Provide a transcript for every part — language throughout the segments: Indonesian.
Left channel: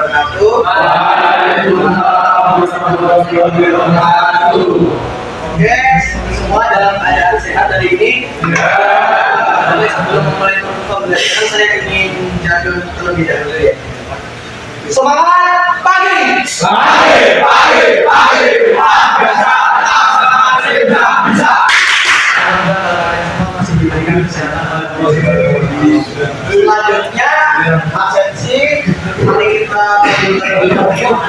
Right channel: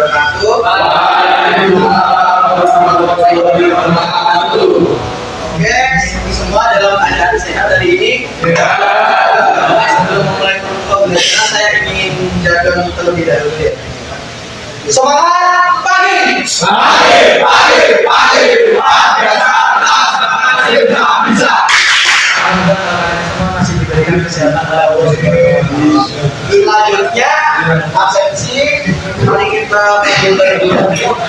wabarakatuh. Oke, semua dalam keadaan sehat hari ini. Oke, sebelum memulai pembelajaran saya ingin jaga terlebih dahulu ya. Semangat pagi. Bisa. Semua masih diberikan kesehatan. Selanjutnya absensi. Mari kita panggil terlebih dahulu.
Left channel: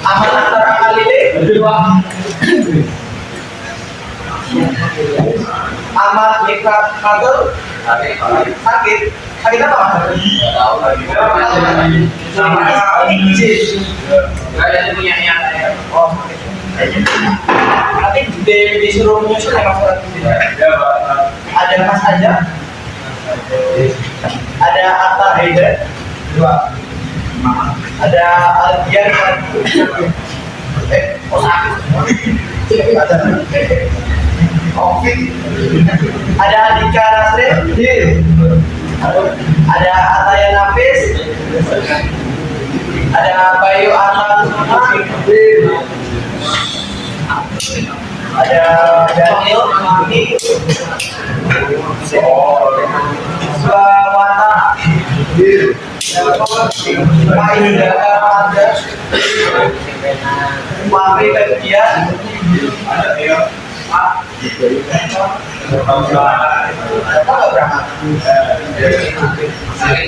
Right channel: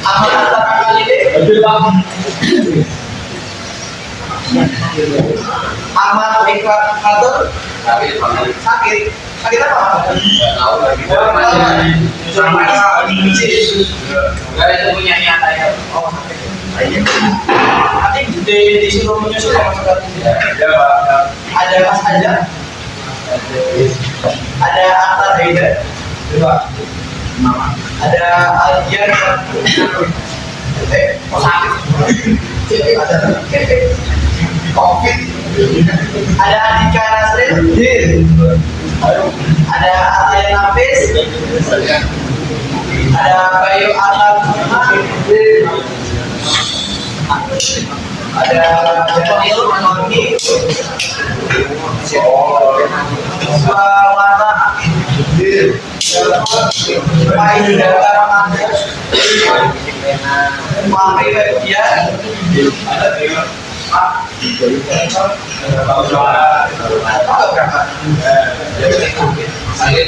Amanah antara kali ini. Ahmad Mikatur sakit apa? Nggak tahu lagi. Nggak ada punya nyata ya. Oh sakit. Nanti disuruh menyusul ya Mas Ratu. Ya Pak. Ada Mas Aja. Ada Akhtar Haidar. Ada Aldian. Oh sakit. Covid. Ada Andika Nasrin. Ada Ataya Nafis. Ada Bayu Atam. Ada Daniel Mami. Swamata. Pak Indra Ramadan. Mami Bagian. Ada Tio. Apa nggak berangkat? Sakit.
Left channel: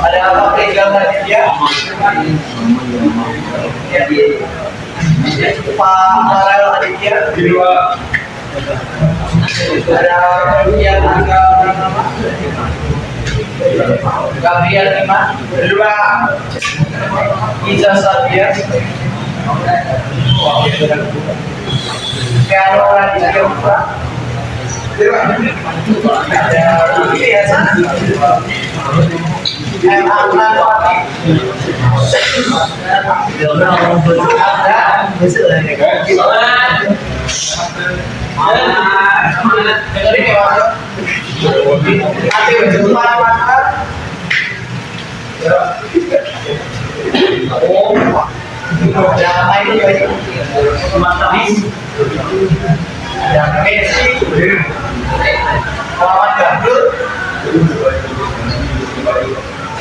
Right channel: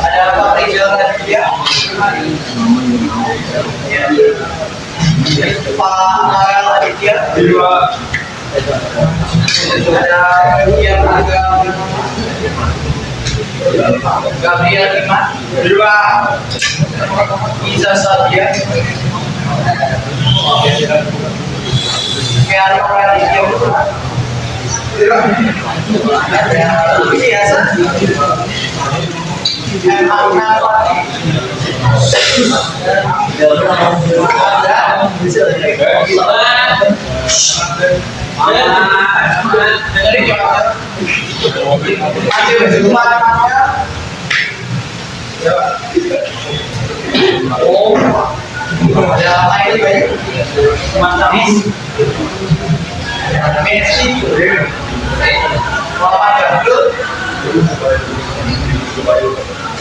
Ada Pak Rizal Raditya. Pak Marel Aditya. Ada yang agak bernama Gabriel Iman. Iza Sadia. Kiaro Raditya Putra. Ada Yayasan Amna Fatih. Dengerin ya Pak. Ada apa ini Bayu? Ada Messi. Muhammad Gandul.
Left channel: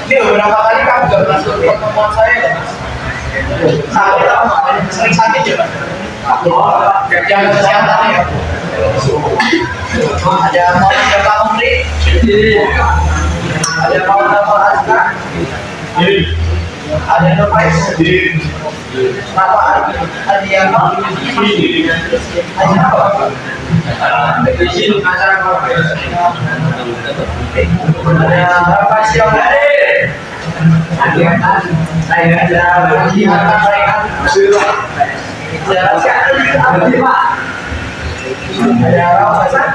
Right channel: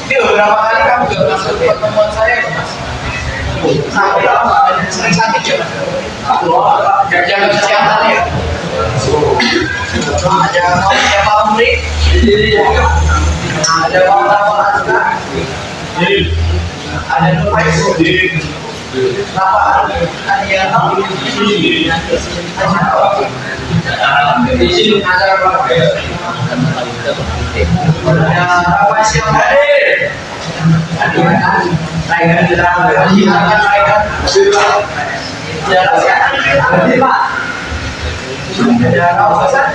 Ini beberapa kali kamu gak masuk pertemuan saya loh Mas. Sakit apa? Sering sakit ya Mas? Jaga kesehatan ya. Ada Pak Umri. Ada Muhammad Azka. Ada Nur Faiz. Rafa Adianto. Izin acara ada Rafa Syamdari. Adianto. Raihan. Jarak sehat ada Pak. Ada Rauf Hasan.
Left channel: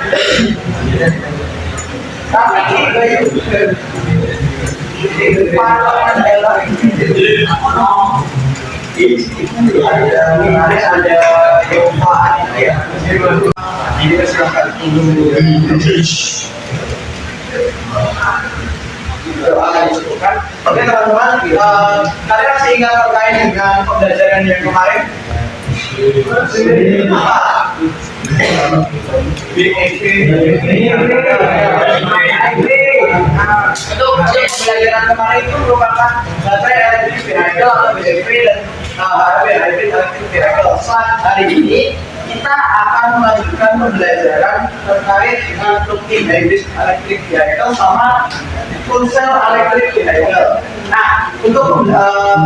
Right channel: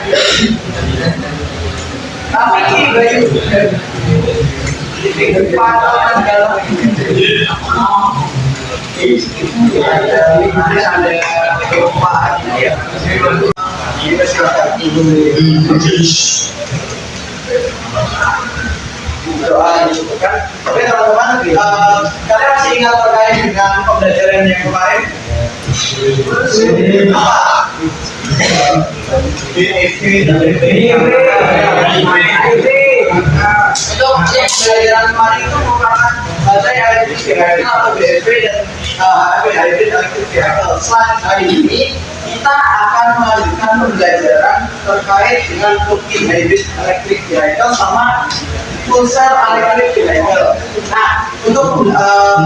Rafiki Bayu. Pak Mandala. Ada Pak Aditya. Jadi silakan. Doa dicukupkan. Oke teman-teman, kalian masih ingat terkait dengan pembelajaran yang kemarin? Apa? Untuk pembelajaran kemarin itu merupakan baterai elektrik vehicle atau BEV dan hybrid electric vehicle. Selanjutnya hari ini kita akan melanjutkan pembelajaran terkait dengan plug-in hybrid electric vehicle sama full cell electric vehicle. Nah, untuk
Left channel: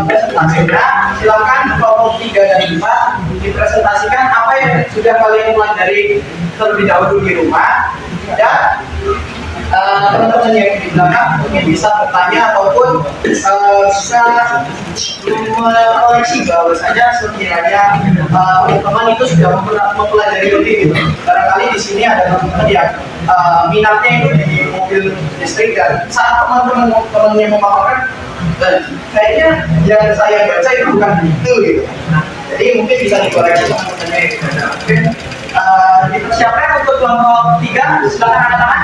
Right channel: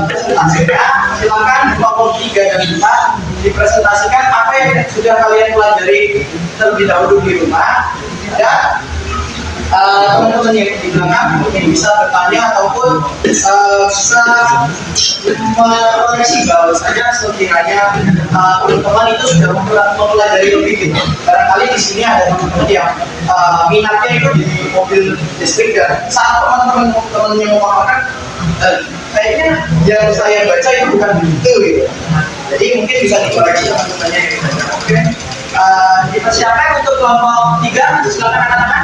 presentasinya silakan kelompok 3 dan 4 dipresentasikan apa yang sudah kalian pelajari terlebih dahulu di rumah, dan teman-teman yang di belakang mungkin bisa bertanya ataupun bisa mengoreksi bahwasanya sekiranya teman-teman itu sudah mempelajari lebih gitu. Barangkali di sini ada teman-teman yang minatnya itu di mobil listrik, dan saat teman-teman yang memaparkan kayaknya yang saya baca itu bukan begitu gitu. Jadi mungkin bisa dikoreksi teman-temannya gitu. Oke. Kita siapa yang untuk kelompok 3? Silakan angkat tangan.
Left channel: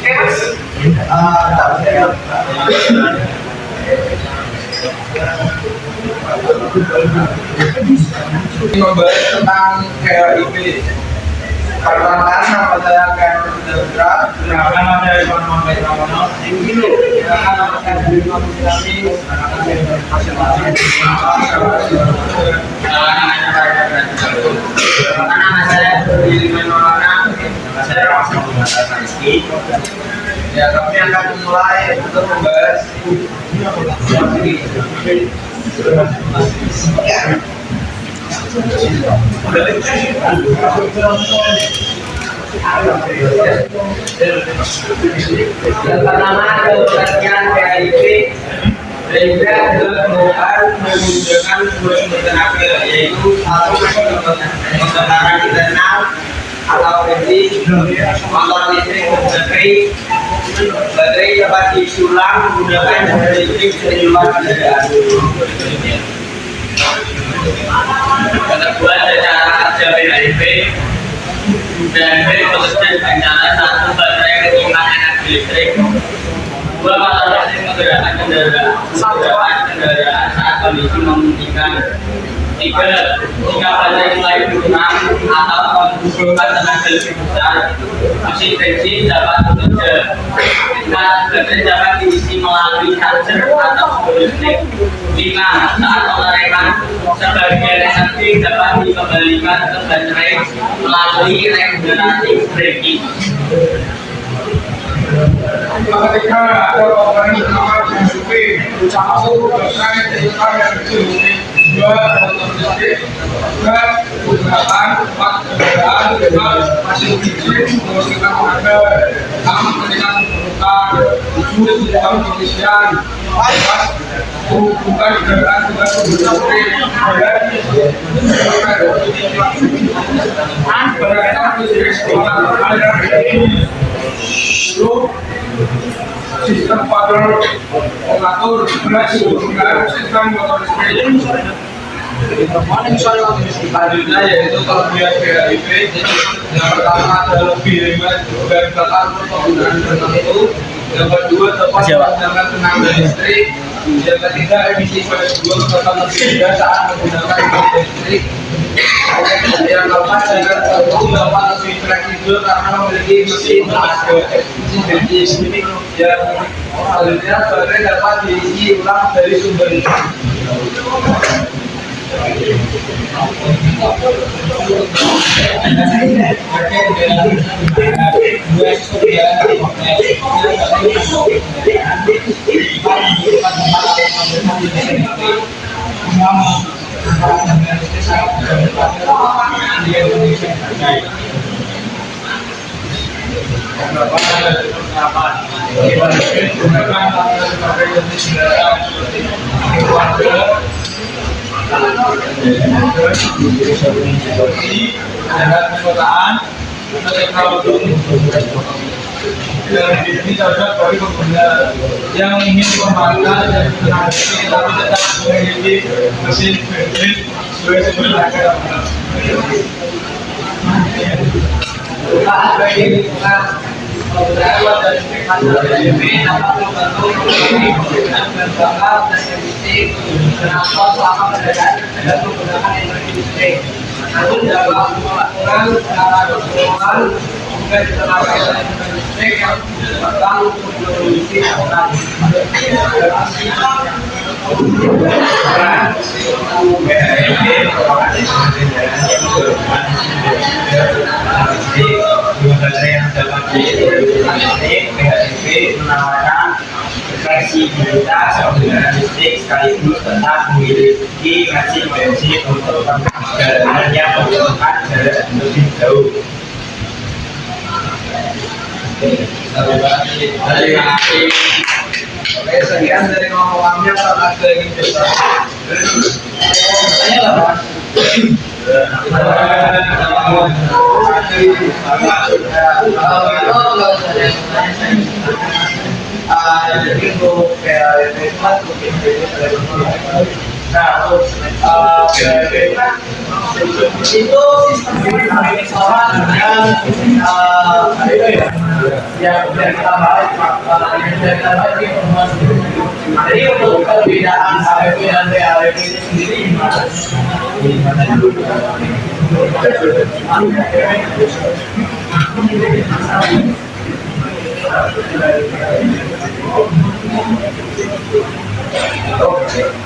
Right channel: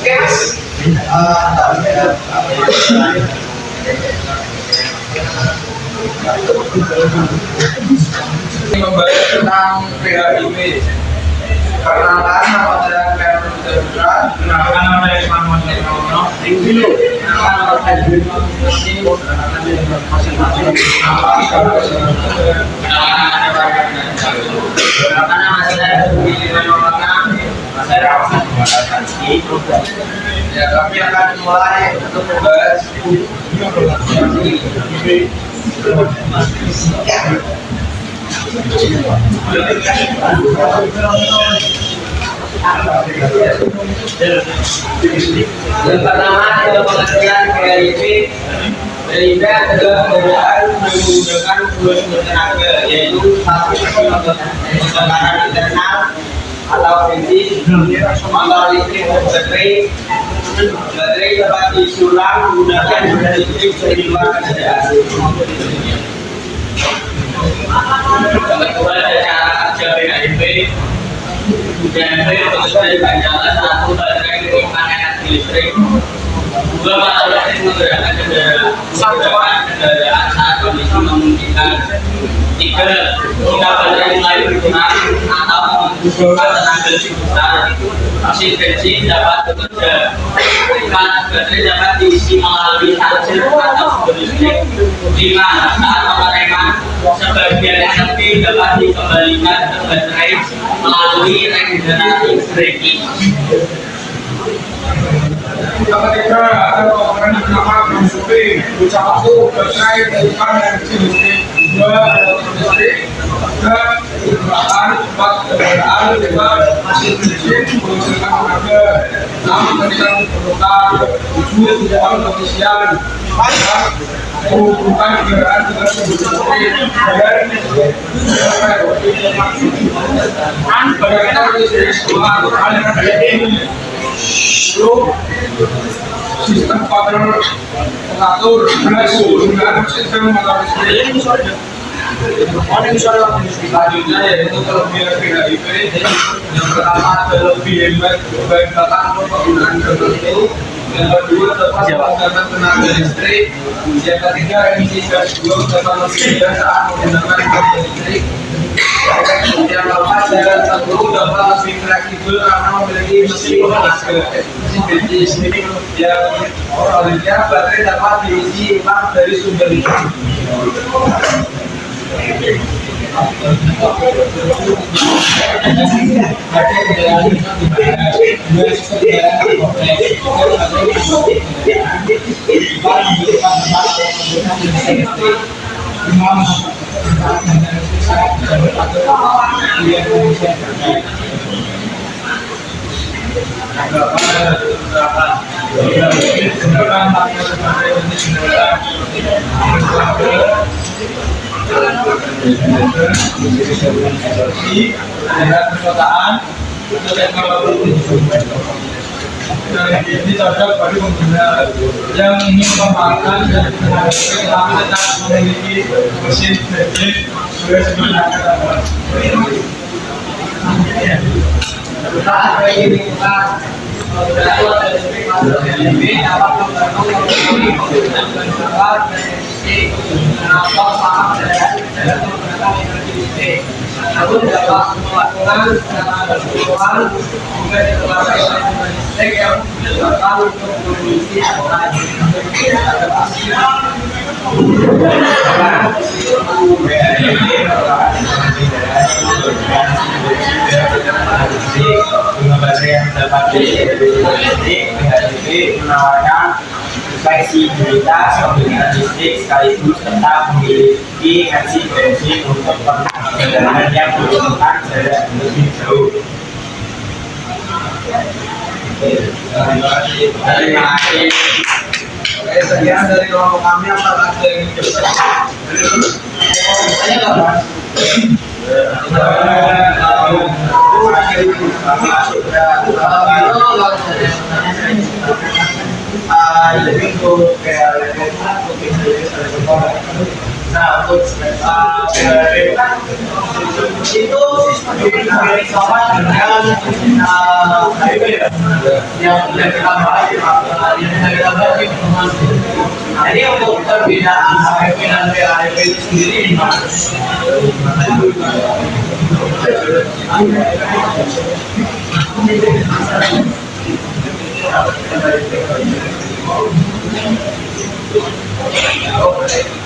Oke, Mas. Ini membahas tentang PHIP. Perkenalkan nama saya Kevin Putra. Perkenalkan nama saya Iwan Muhammad Pramono. Perkenalkan nama saya Dwi Mamuti. Perkenalkan dari masing-masing. Perkenalkan nama saya Billy Maulana. Saya Rahmat Muhammad Rizky. Ya, kami akan mulai untuk membahas yang pertama adalah pengertian PHIP. PHIP adalah penggunaan menggunakan dua sumber tenaga, yaitu satu pembakaran internal atau bensin, motor listrik baterai. Baterai dapat diisi ulang menggunakan baterai listrik dari luar kendaraan. Yang kedua ada cara kerja PHIP. PHIP bekerja dengan cara satu baterai menyimpan energi listrik, dua motor listrik menggerakkan kendaraan saat kondisi memungkinkan, tiga jika baterai mulai berkurang atau membutuhkan tenaga lebih besar, mesin bensin dapat bekerja. Empat, baterai dapat diisi melalui charger atau sumber listrik. Lima, saat pengereman sebagian energi dapat dikembalikan ke baterai melalui regenerasi braking. Yang ketiga ada komponen utama PHIP, satu baterai menyimpan energi listrik, dua motor listrik, tiga penggunaan, empat kendaraan, lima mesin bensin menghasilkan tenaga, enam peningkatan permukaan, tujuh jam pengisian, 8 menghubungkan kendaraan dengan sumber listrik, dan berkaitan listrik sekolah aliran ini. 10 sistem kontrol pengatur penggunaan sistem motor listrik. Selanjutnya yaitu kelebihan PHIP. Yang pertama ada lebih hemat bahan bakar untuk penggunaan tertentu. Yang kedua dapat menggunakan tenaga listrik. Yang ketiga emisi gas buang dapat lebih rendah saat menggunakan tenaga listrik. Yang keempat jalan tertentu dapat lebih fleksibel karena memiliki mesin bensin. Yang selanjutnya baterai dapat diisi ulang dari sumber listrik. Dengan perkotaan atau teknologi ini cocok bagi pengguna yang ingin memanfaatkan tenaga listrik tapi tetap memiliki mesin bensin sesuai sumber tenaga. Penggunaan dari listrik masalah PHIP dapat membantu penggunaan bahan bakar dan emisi transport selama perjalanan dengan menggunakan energi listrik. Namun dapat melakukan secara keseluruhan juga diterapkan energi listrik yang datang untuk produksi angkutan. PHIP merupakan teknologi kendaraan yang menggunakan listrik. Dengan baterai yang dapat diisi listrik, PHIP menawarkan fleksibilitas penggunaan listrik sekaligus tetap memiliki mesin bensin untuk perjalanan yang membutuhkan jarak lebih jauh. Terima kasih. Oke, sekian dari kelompok kami. Apakah ada yang ingin bertanya? Bertanya nggak, Mas? Jadi untuk PHIP itu kan Nah, untuk PHP kan itu sistem sama dengan HIP ya, yang kita bahas di pertemuan sebelumnya. Jadi untuk perbedaan HIP dan PHP itu sendiri di mana?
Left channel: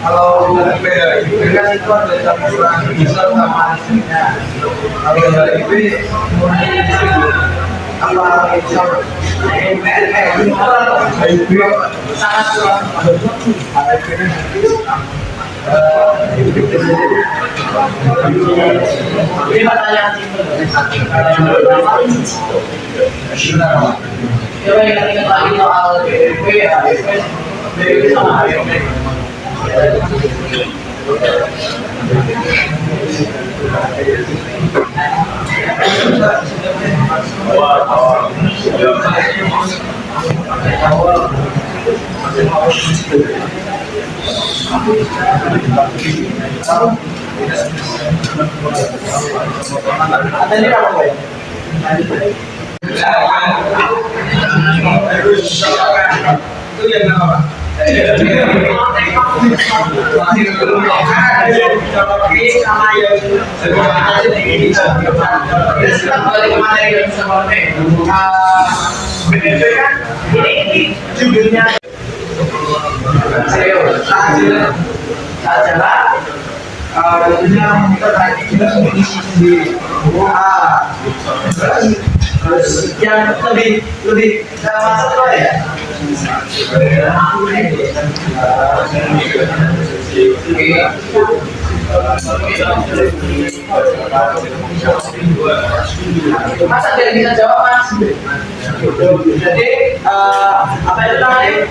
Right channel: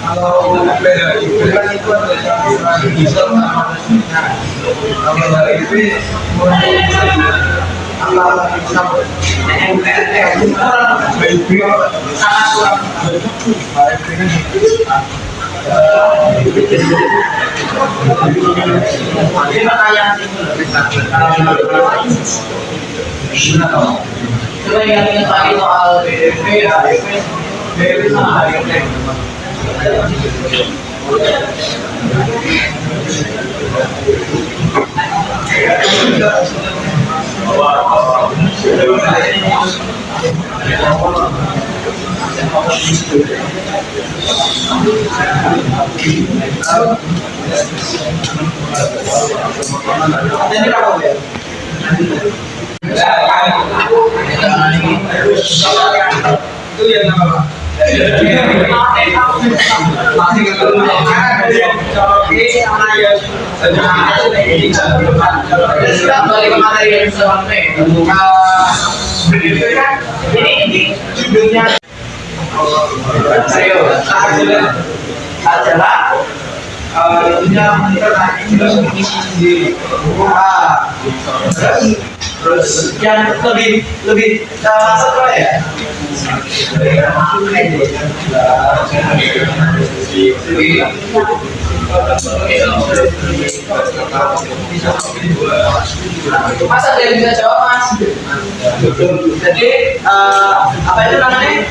Kalau PHIP kan itu ada campuran diesel sama listriknya. Kalau HIP Apa sama HIP sangat kurang. HIP kan Ini pertanyaan coba ingat-ingat lagi soal BEP, HIP, BEP sama HIP. Ada ini apa ya? itu yang apa? Masih Kita kembali ke materi yang sebelumnya. BEP kan ini judulnya serius. Saat jalan tentunya menikah tadi juga mengisi sendiri. Terus yang lebih masuk apa ya? Mas ada yang bisa jawab mas? Jadi apa itu namanya?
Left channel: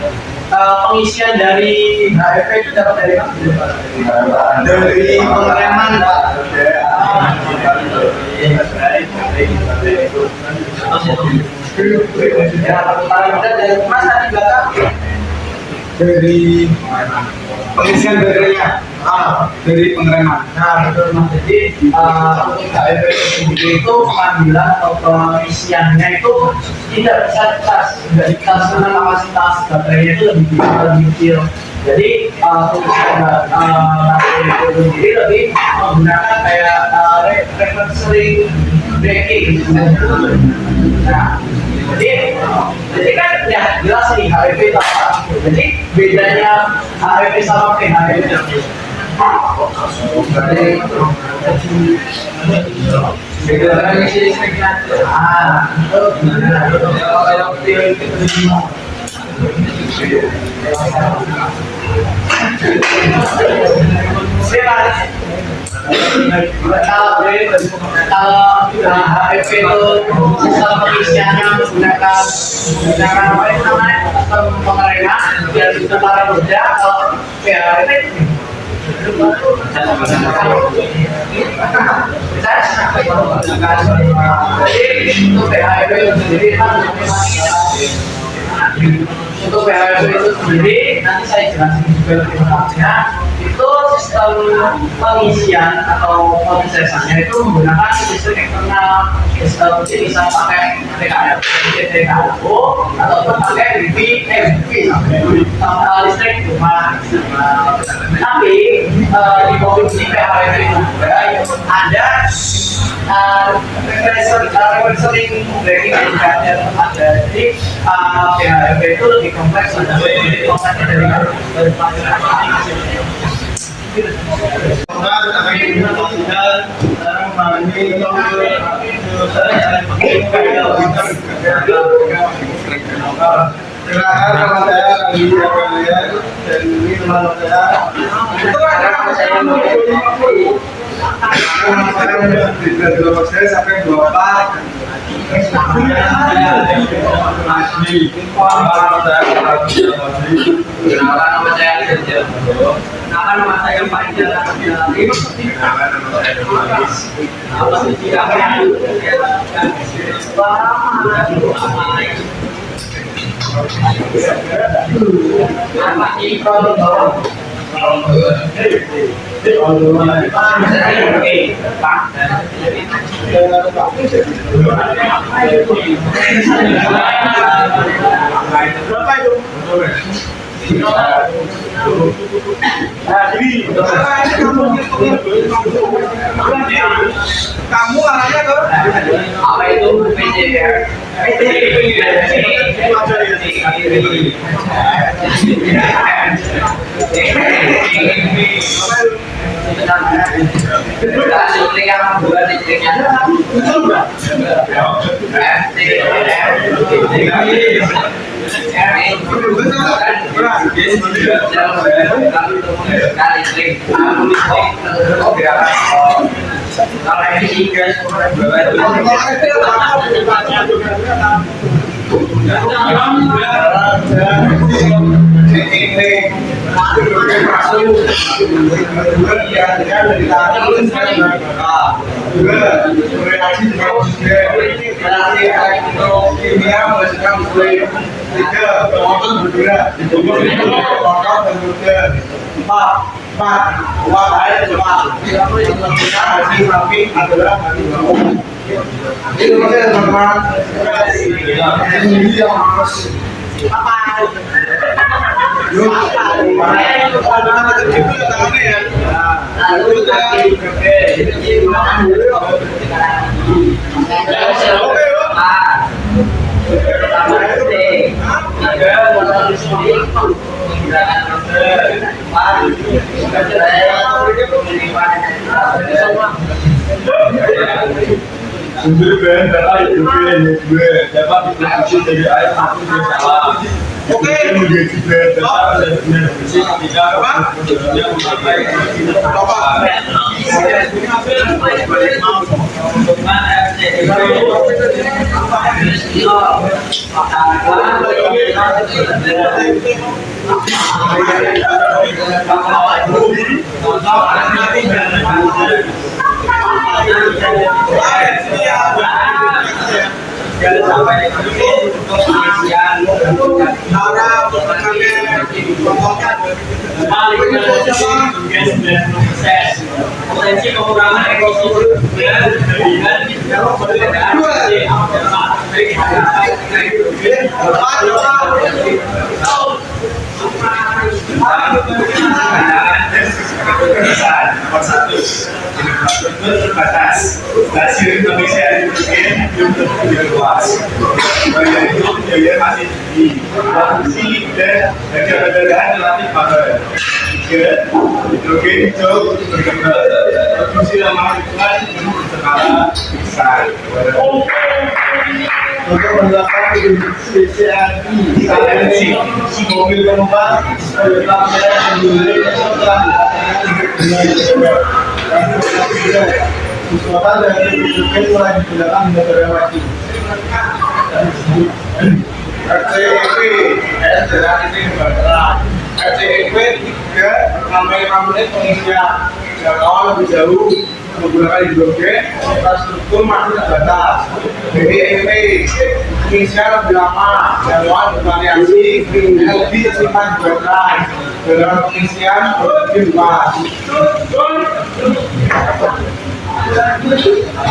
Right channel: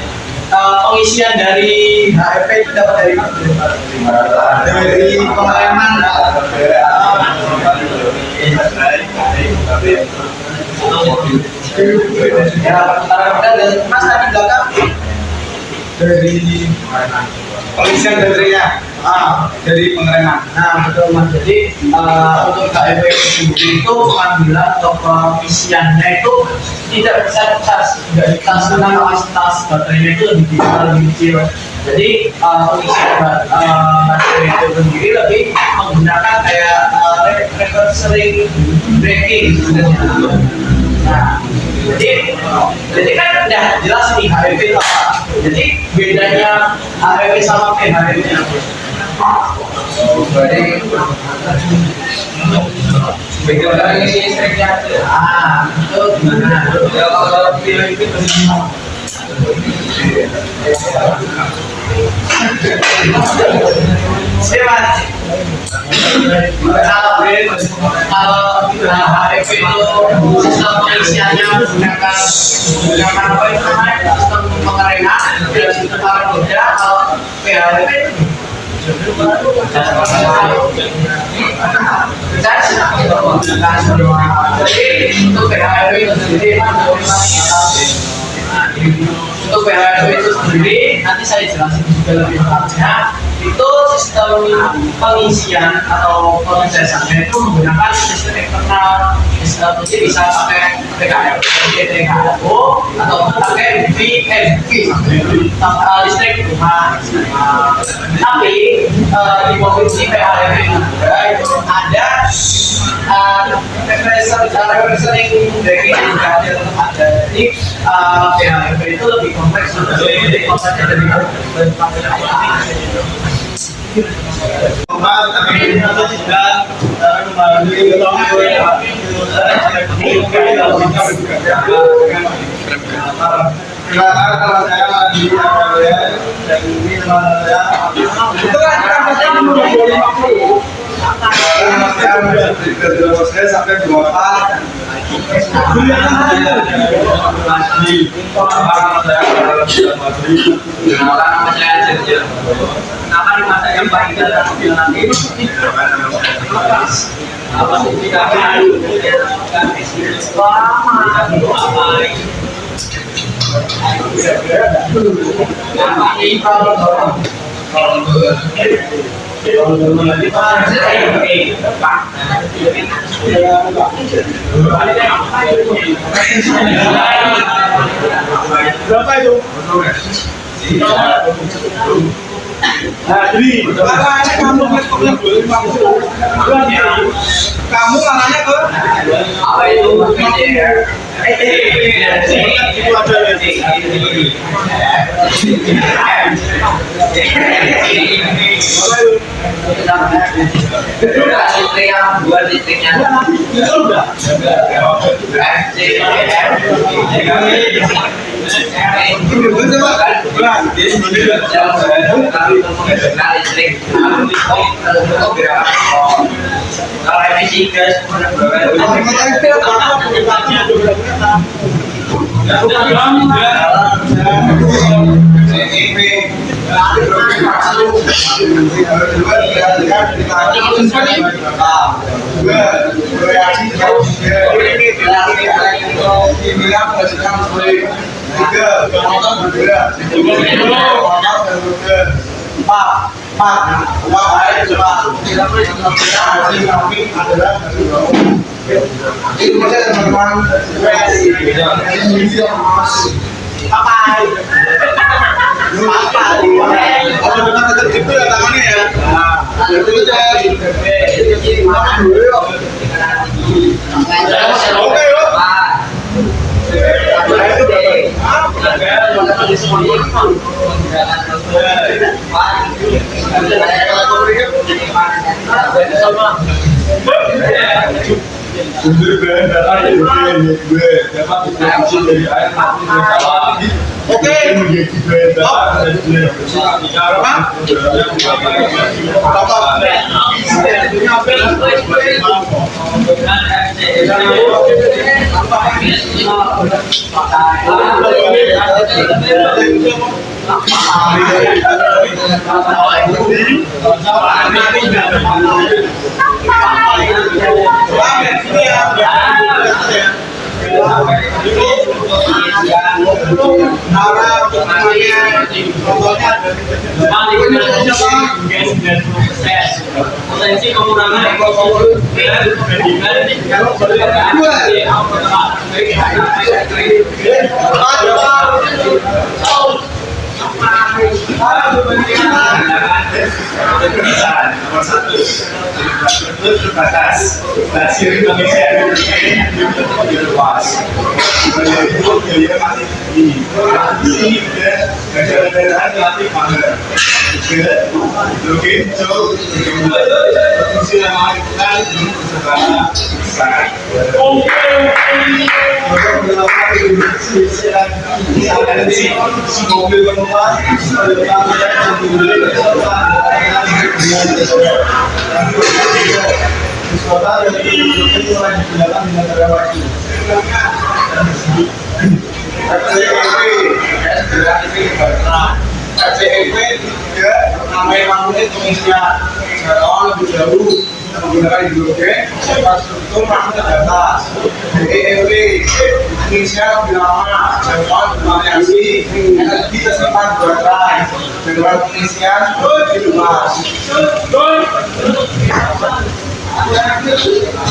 Pengisian dari HFP itu dapat dari mana? Dari pengereman. Ya, perputaran roda dan mas tadi belakang dari pengisian baterainya, dari pengereman. Nah betul mas. Jadi untuk KFP itu sendiri itu pengambilan atau pengisiannya itu tidak bisa dicas, tidak dicas karena kapasitas baterainya itu lebih kecil. Jadi pengisian baterai itu sendiri lebih menggunakan kayak reversing braking sebenarnya. Nah, jadi kan udah jelas nih HEP itu apa. Jadi bedanya HEP sama PHEP. Berarti beda lagi sih listriknya. Itu gimana? Ya kalau yang PHIP itu Bebas. Kalau HEP itu sistem pengisiannya menggunakan apa itu namanya sistem pengereman dan putaran roda. Kalau PHEP itu jadi untuk PHEP itu sendiri untuk PHEP itu sendiri nanti saya jelasin juga lebih lengkapnya. Itu sistem pengisian atau pengecasannya itu menggunakan sistem eksternal. Jadi bisa pakai PKF, PKO ataupun pakai BV sampai listrik rumah. Tapi di mobil ini PHEP itu ada reversing braking juga ada tetap ada. Jadi PHEP itu lebih kompleks, lebih kompleksnya dari silakan teman saya di ya dan ini teman saya itu kan saya 250 saya sampai 24 Nama saya Sergio. Kenalkan nama saya yang paling jalan lagi. Apa sih kami ada saya lakukan selama Berapa itu? Kamu anaknya ke Apa itu PJR? Listrik yang dua listriknya. Kalau emisi gas itu maksudnya teman-teman Sumber bahan bakar hidrogen dapat diproduksi dari air mati yang salah. Oke. Menjadi bahan bakar dan benar bersih ketika produknya mencapai potensi pengurangan nomor satu, infrastruktur terbatas, stasiun Indonesia belum luas, yaitu biaya masih tinggi, produksi dan kendaraan relatif mahal. Tiga, hidrogen jauh berkembang, produksi ramah lingkungan belum berskala besar. Untuk melakukan produksi CNG, mobil penumpang, penumpang Kekuatan dari hidrogen telah digunakan hingga terlewati. RCEP juga menambah 5 menit pengisian. Jika lebih jauh menggunakan hidrogen, infrastruktur masih terbatas. BEP pengisian lebih lama, jadwal bervariasi, energi tersimpan di baterai, dengan pengisian lebih luas.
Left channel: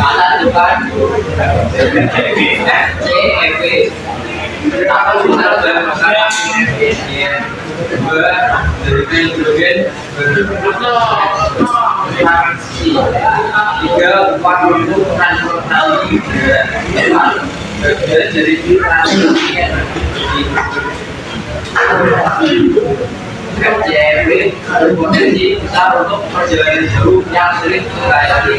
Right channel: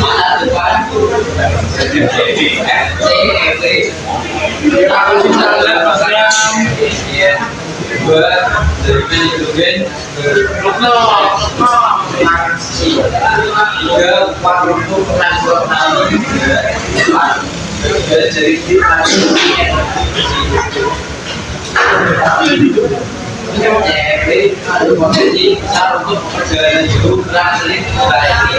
mana depan CEP aku bisa melakukan ya buat dari hidrogen tiga 40 transportasi jadi CEP berpotensi besar untuk perjalanan jauh yang sering melayani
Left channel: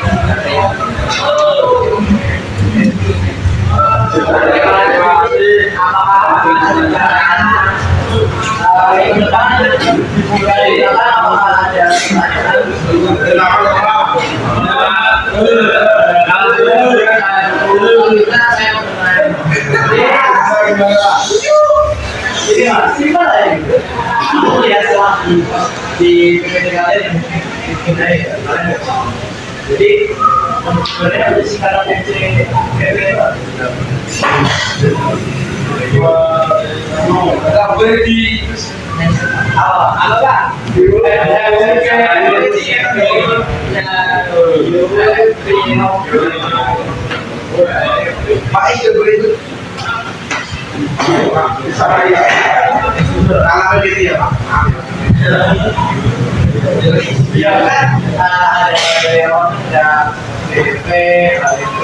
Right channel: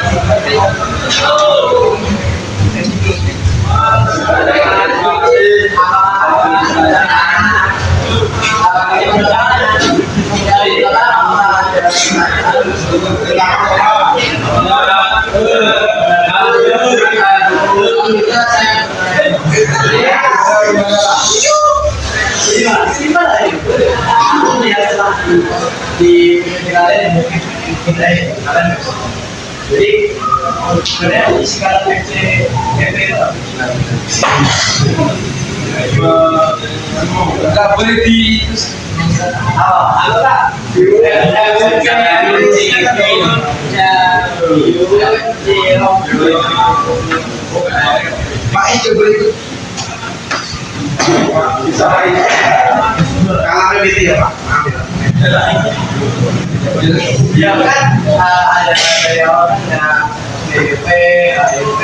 aku lihat di PPT kalian yang mungkin kalian jadi sebenarnya ada singkatan FC PP Enggak boleh di Apa Pak? Pak itu boleh itu. Bisa Pak ya. Kalau PBT ya Pak. Ya kan ada Deon, ada DP, HDP,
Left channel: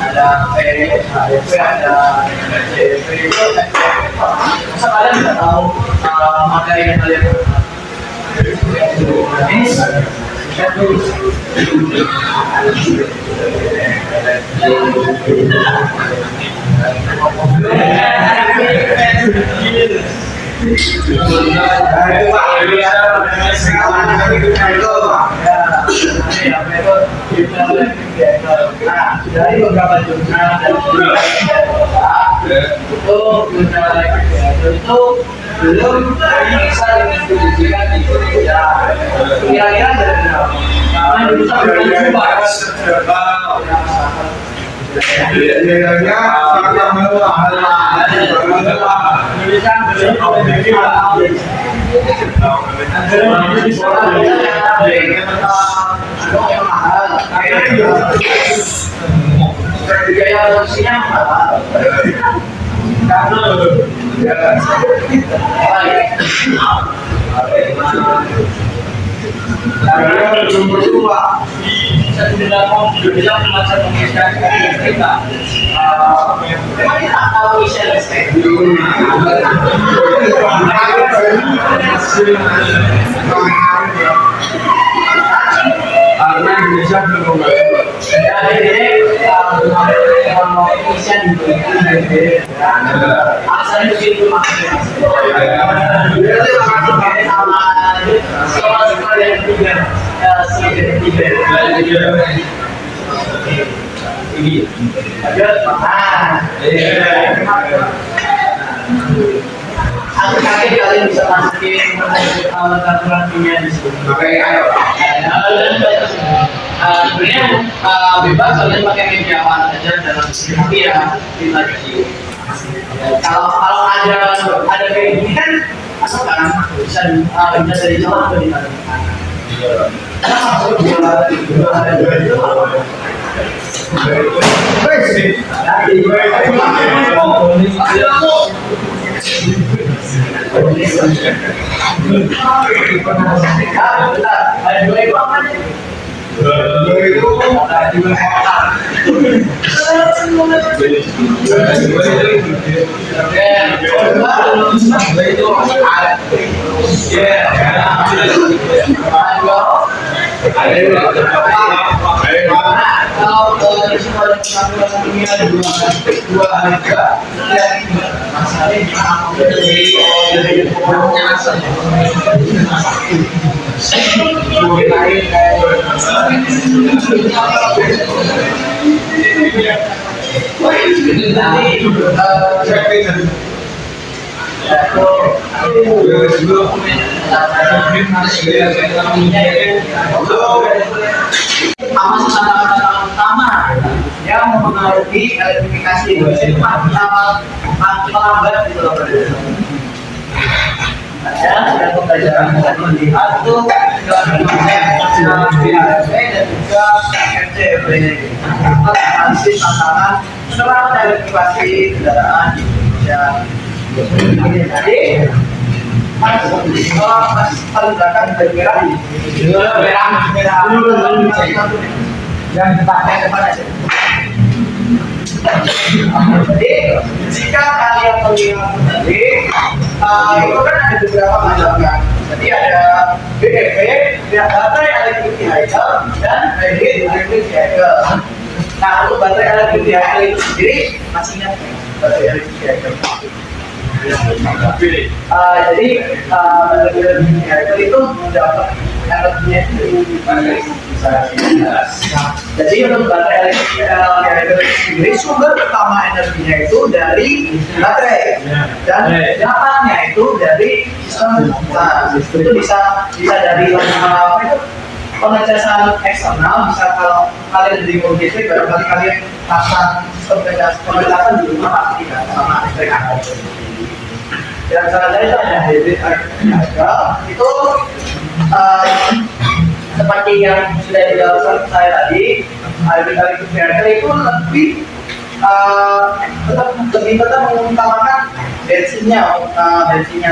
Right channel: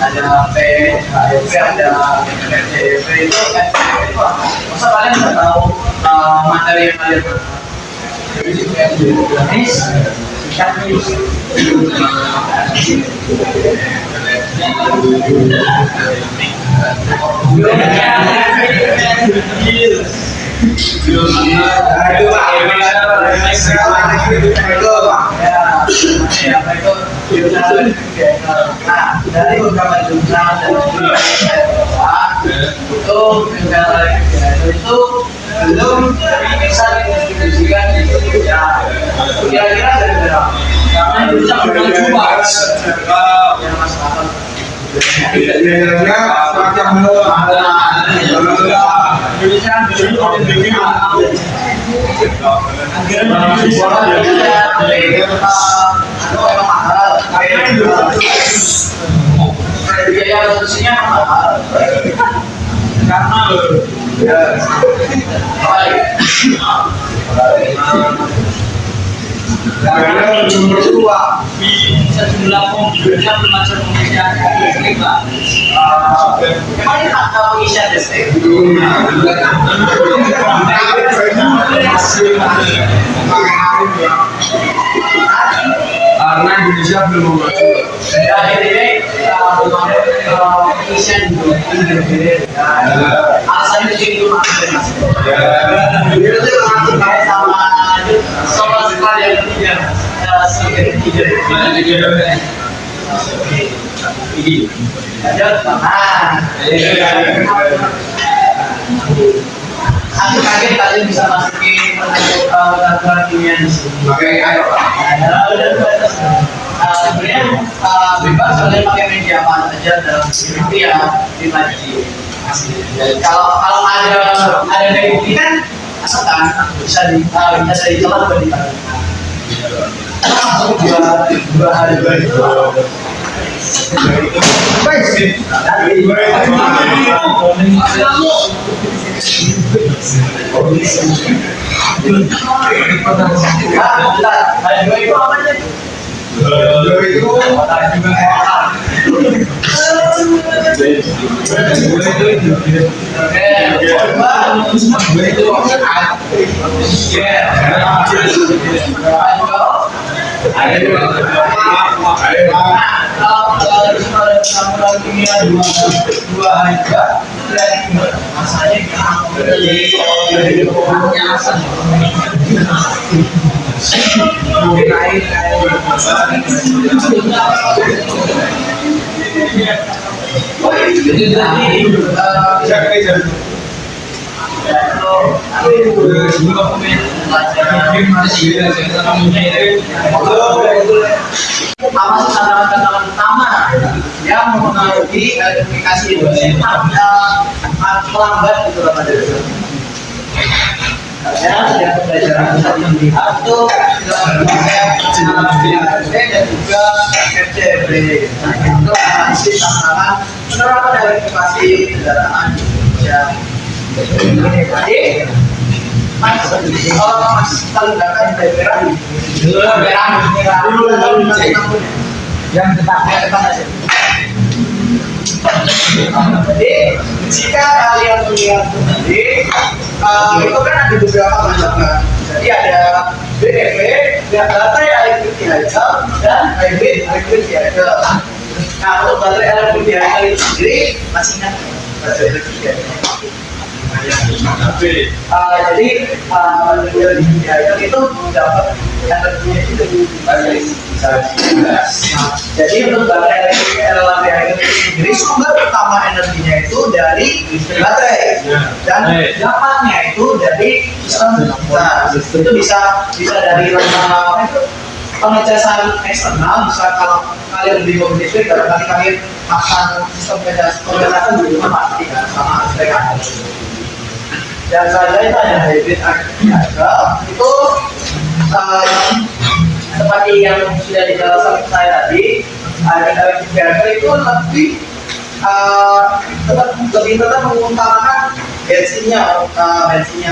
ada P, HDP, ada DP itu masa kalian nggak tahu materi yang kalian dari beberapa jurnal dan itu itu belum bisa didistribusikan di Indonesia. Kira-kira dari berapa? Karena Indonesia belum coba. Biayanya sangat mahal. Indonesia biaya produksinya mahal karena Biayanya belum berubah. Setelah Indonesia belajar pengisian listrik, Pak. memang ini tak tahu pengisian listrik. Karena Indonesia belum maju. Dan ini belum ada pengisian di alasannya itu maksudnya. Itu sama soal sekali yang ketiga sebagai ketiga. Lanjut, aku kaget kalian bisa masukin peraturan dunia di sini. Pakai ayo Pak. Sebenarnya bebas kalian pakai media apa aja dalam tapi ya 5G. Kalau ada kayak gini kan asal kan bisa dari jalan ke di dua hari itu ada dua itu apa aja? Kalau dunia dua harga masanya dari penyasan apa sih tantangan utama yang mempengaruhi komunikasi Indonesia melambat gitu loh pada ada pembelajaran bisa melihat tuh konsep dan juga FCFD masih tantangan penerapan elektrifikasi kendaraan di Indonesia. Jadi Mas paling belakang dari merah yang depan aja. Jadi jika kalian melihat tadi itu kan ada beberapa macamnya. Jadi ada BEV, baterai elektrik vehicle dan hybrid electric vehicle. Nah untuk baterai elektrik vehicle itu sendiri masih ingat baterai elektrik vehicle? Jadi baterai elektrik vehicle itu dapat energinya itu jadi untuk baterai elektrik sendiri sumber utama energinya itu dari baterai dan dapatnya itu dari sistem. Nah, itu bisa dari pengecasan eksternal. Bisa kalau kalian beli mobil listrik barangkali kalian pasang sistem pengecasan di rumah pasti kan sama listrik ada. yang selanjutnya itu ada hybrid vehicle. Itu seperti yang sudah dijelaskan saya tadi, hybrid vehicle itu tetap mengutamakan bensinnya,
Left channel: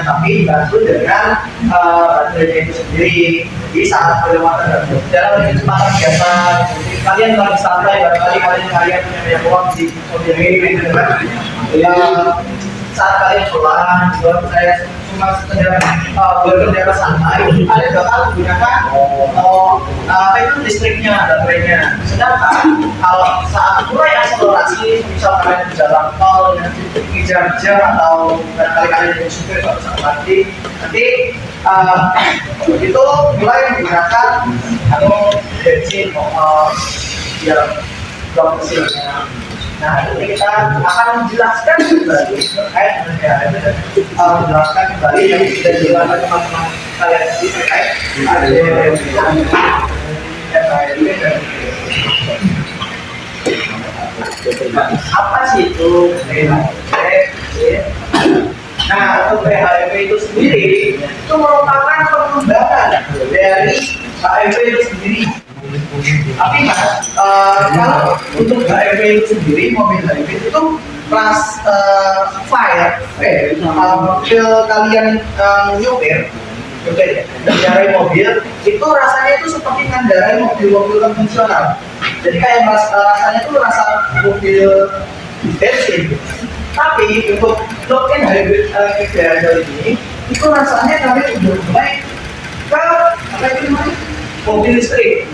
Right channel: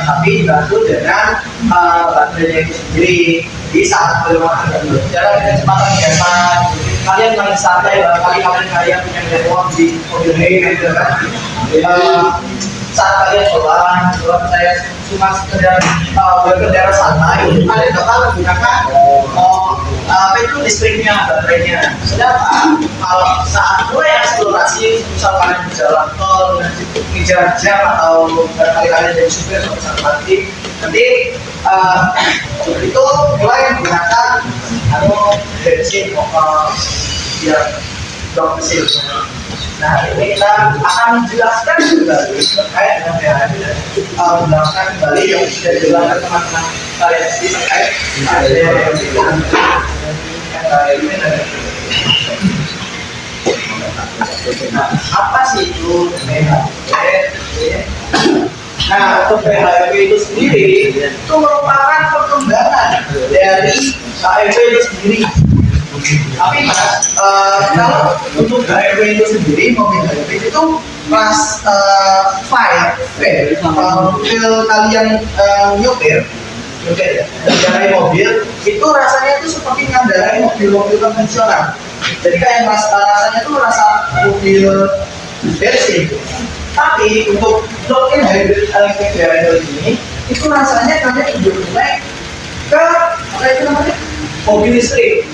tapi dibantu dengan baterainya itu sendiri. Jadi saat kelewatan dan berjalan dengan kecepatan biasa, kalian lagi santai, barangkali kalian punya banyak uang di mobil ini, gitu kan? Saat kalian pulang, saya cuma sekedar berkendara santai, kalian bakal menggunakan listriknya, baterainya. Sedangkan kalau saat mulai eksplorasi, misal kalian di jalan tol, ngejar jam atau barangkali kalian jadi supir suatu saat nanti itu mulai menggunakan atau bensin biar blok mesinnya. Nah, ini kita akan menjelaskan kembali terkait dengan PHEV dan menjelaskan kembali yang sudah dijelaskan teman-teman kalian tadi terkait apa sih itu PHEV? Nah, untuk PHEV itu sendiri itu merupakan perkembangan dari HEV itu sendiri. Tapi mas, kalau untuk HEV itu sendiri, mobil HEV itu kelas mobil kalian nyopir ya, mengendarai mobil itu rasanya itu seperti mengendarai mobil-mobil konvensional. Jadi kayak rasanya itu rasa mobil bensin. Tapi untuk plug-in hybrid electric vehicle ini itu rasanya kalian udah mulai ke apa itu namanya mobil listrik.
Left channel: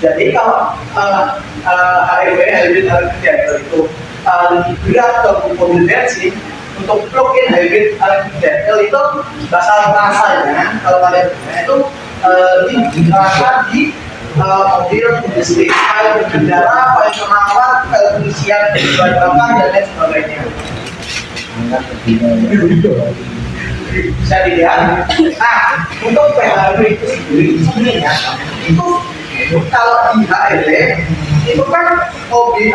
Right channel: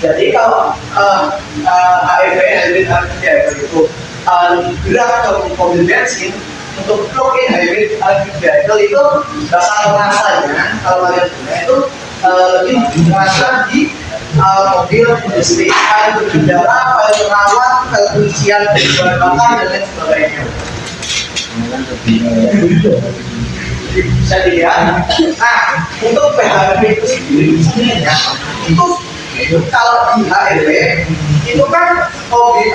Jadi kalau HEV hybrid electric vehicle itu lebih berat ke mobil bensin, untuk plug-in hybrid electric vehicle itu rasanya kalau kalian punya itu lebih terasa di mobil listrik, kayak berkendara, kayak merawat, kayak pengisian bahan bakar dan lain sebagainya. Bisa dilihat. Nah, untuk PHEV itu sendiri sebenarnya itu kalau di HEV itu kan mobil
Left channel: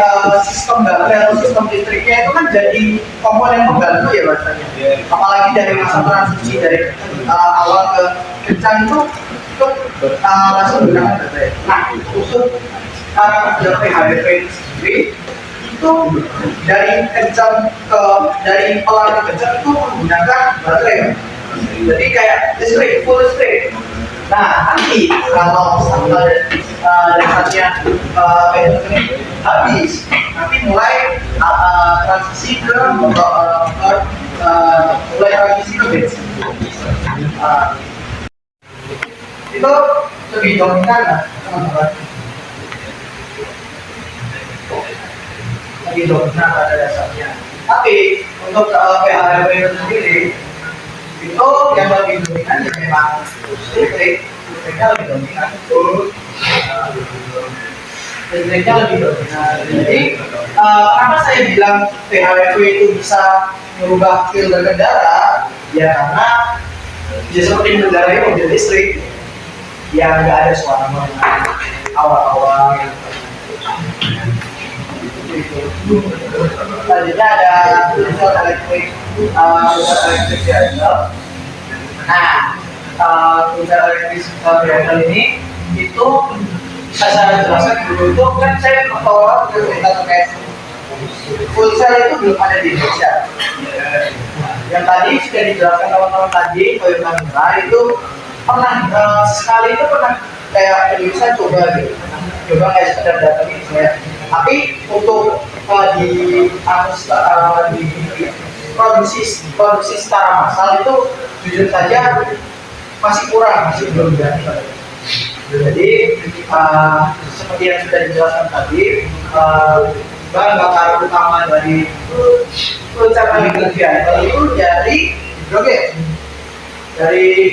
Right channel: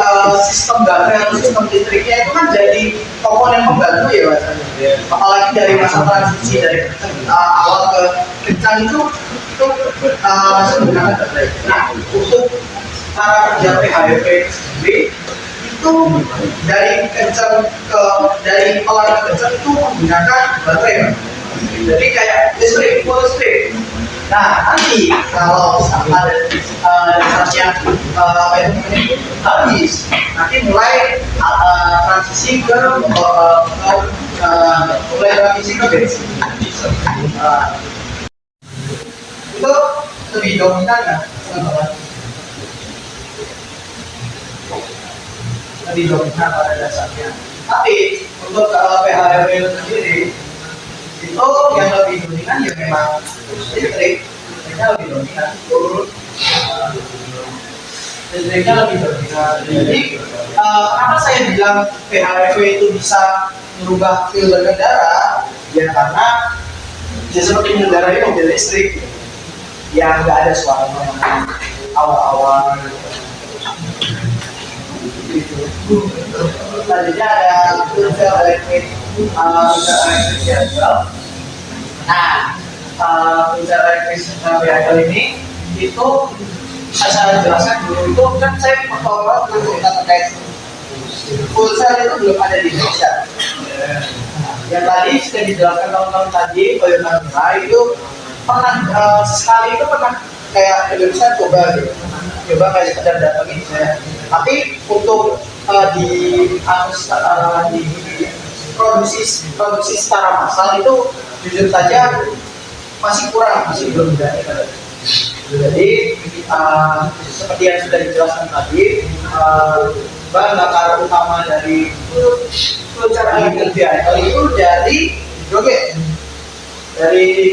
sistem baterai atau sistem listriknya itu kan jadi komponen pembantu ya rasanya. Apalagi dari masa transisi dari awal ke kencang itu langsung menggunakan baterai. Nah, untuk cara kerja PHEV itu sendiri itu dari kencang dari pelan ke kencang itu menggunakan baterai. Jadi kayak listrik, full listrik. Nah, nanti kalau ada dasarnya itu habis, nanti mulai transisi ke bensin. Itu lebih dominan nggak, teman-teman? Lebih dominan pada dasarnya. Tapi untuk PHEV itu sendiri itu yang lebih dominan ya memang listriknya lebih dominan. Listriknya lebih dominan. Jadi kenapa saya bilang PHEV itu bisa merubah feel berkendara? Ya karena ya seperti mengendarai mobil listrik yang nggak ada suara awal-awal gitu. Tadinya ada full electric vehicle. Nah, full electric vehicle ini itu saya jelaskan dulu itu kan saya bertolak ke cerita terkait full cell itu belum ada di Indonesia. Yang tadi sudah dijelaskan teman-teman tadi, Toyota Mirai itu pernah sekali itu pernah kayak Indonesia coba gitu, coba kayak sekedar datangin saya. Tapi untuk di produksi secara massal itu jujur saja masih kurang, masih belum jadi. Jadi seperti yang sudah dijelaskan tadi, bahan bakar utama dari full electric vehicle itu dari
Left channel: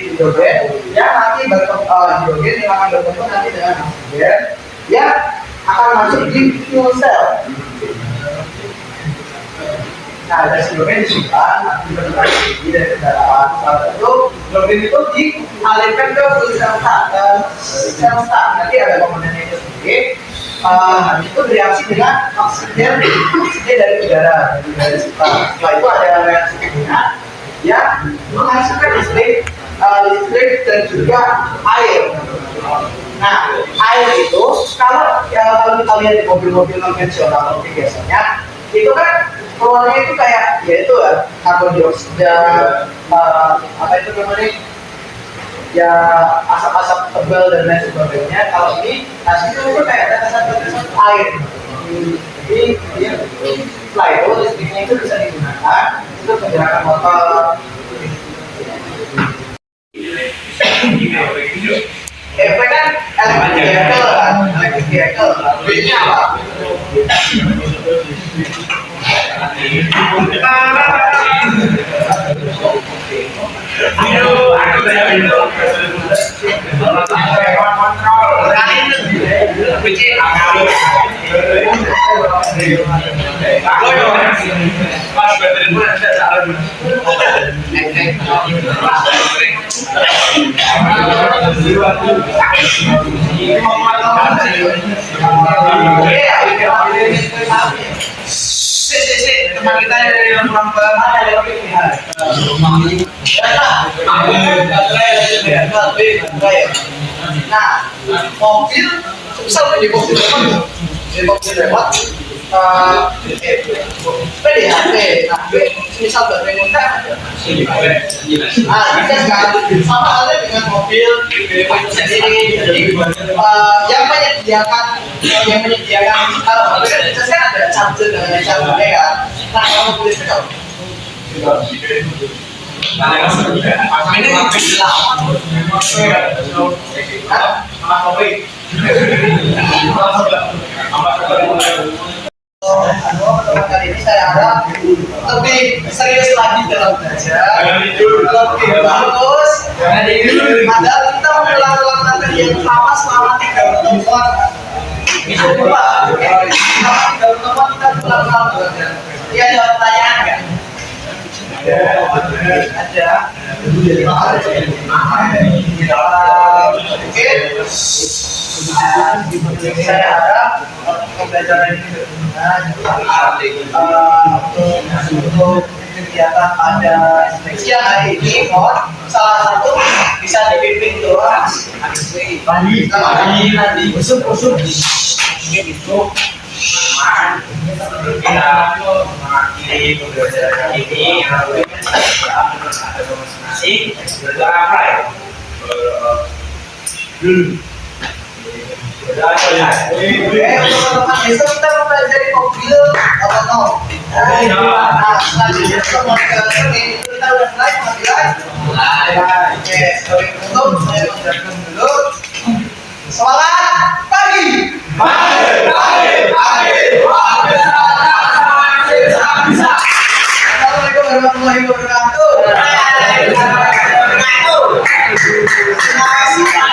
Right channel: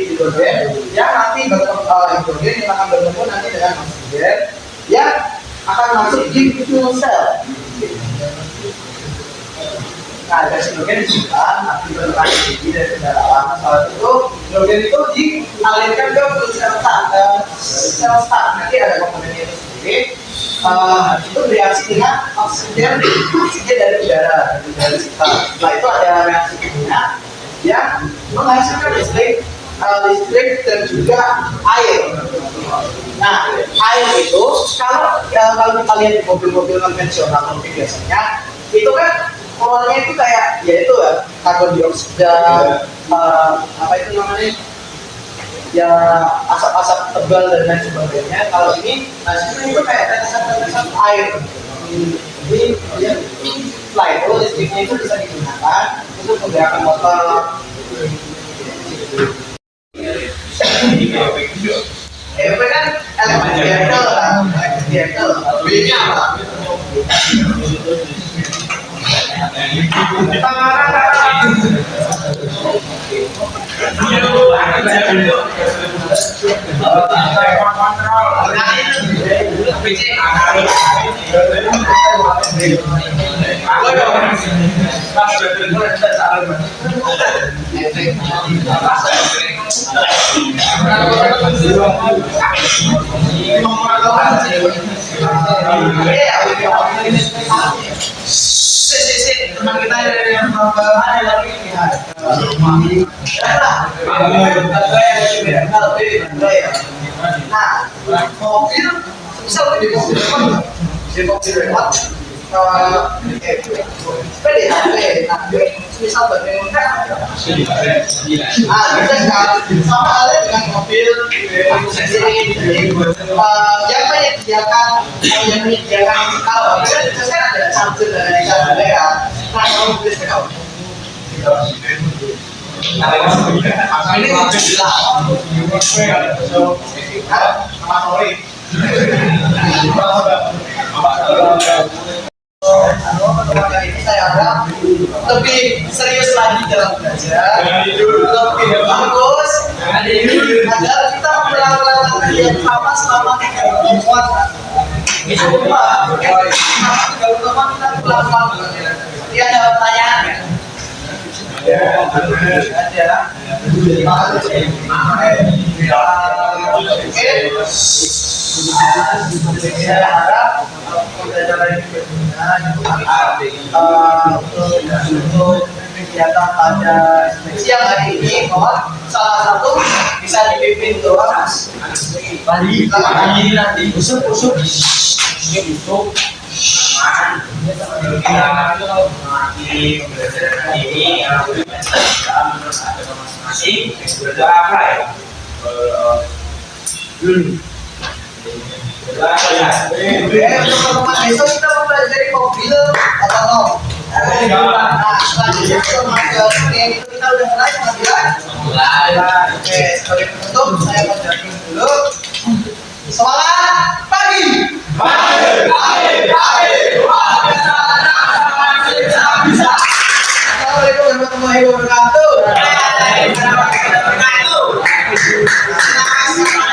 hidrogen yang nanti hidrogen yang akan bertemu nanti dengan oksigen yang akan masuk di fuel cell. Nah, dari hidrogen disimpan, nanti bertransisi dari kendaraan. Saat itu hidrogen itu dialirkan ke fuel cell start. Nanti ada komponennya itu sendiri. Habis itu bereaksi dengan oksigen dari udara sekitar. Setelah itu ada reaksi kimia yang menghasilkan listrik dan juga air. Nah, air itu kalau kita lihat di mobil-mobil konvensional mungkin biasanya itu kan keluarnya itu kayak ya itu ya karbon dioksida, apa itu namanya ya asap-asap tebal dan lain sebagainya. Kalau ini hasilnya itu kayak tetesan-tetesan air. Jadi dia setelah itu listriknya itu bisa digunakan untuk menggerakkan motor. EV kan electric vehicle, B-nya apa? Teman kita yang melambang nah, mobil misal di mobil lewat PDHP, nah misal baterai muda bisa sekali sama halnya dengan mobil itu sendiri. Jadi yang menyediakan kalau mobil kan biasanya ada charger dan lain sebagainya kan. Nah kalau mobil listrik kalau ini mobil teman kali ini saya harap lebih serius lagi dalam belajar, lebih bagus, agar kita mengulang-ulang materi yang sama selama 3 pertemuan. Coba selama 3 pertemuan kita ulang-ulang belajar. Jadi ada pertanyaan nggak? Ada. Saya harap pembelajaran ini berguna untuk kegiatan pada siang hari ini. Salah satu bisa dipimpin doang nanti usuk ini itu kita mengakhiri pembelajaran ini yang ada masing-masing berdoa apa ya? Teman-teman besok kita mempelajari mobil otonom. Nah, selanjutnya teman ke Senin itu kita udah mulai pengambilan. Oke, sebagai penutup saya mengucapkan dulu. Semangat pagi. Assalamualaikum warahmatullahi wabarakatuh. Terima kasih.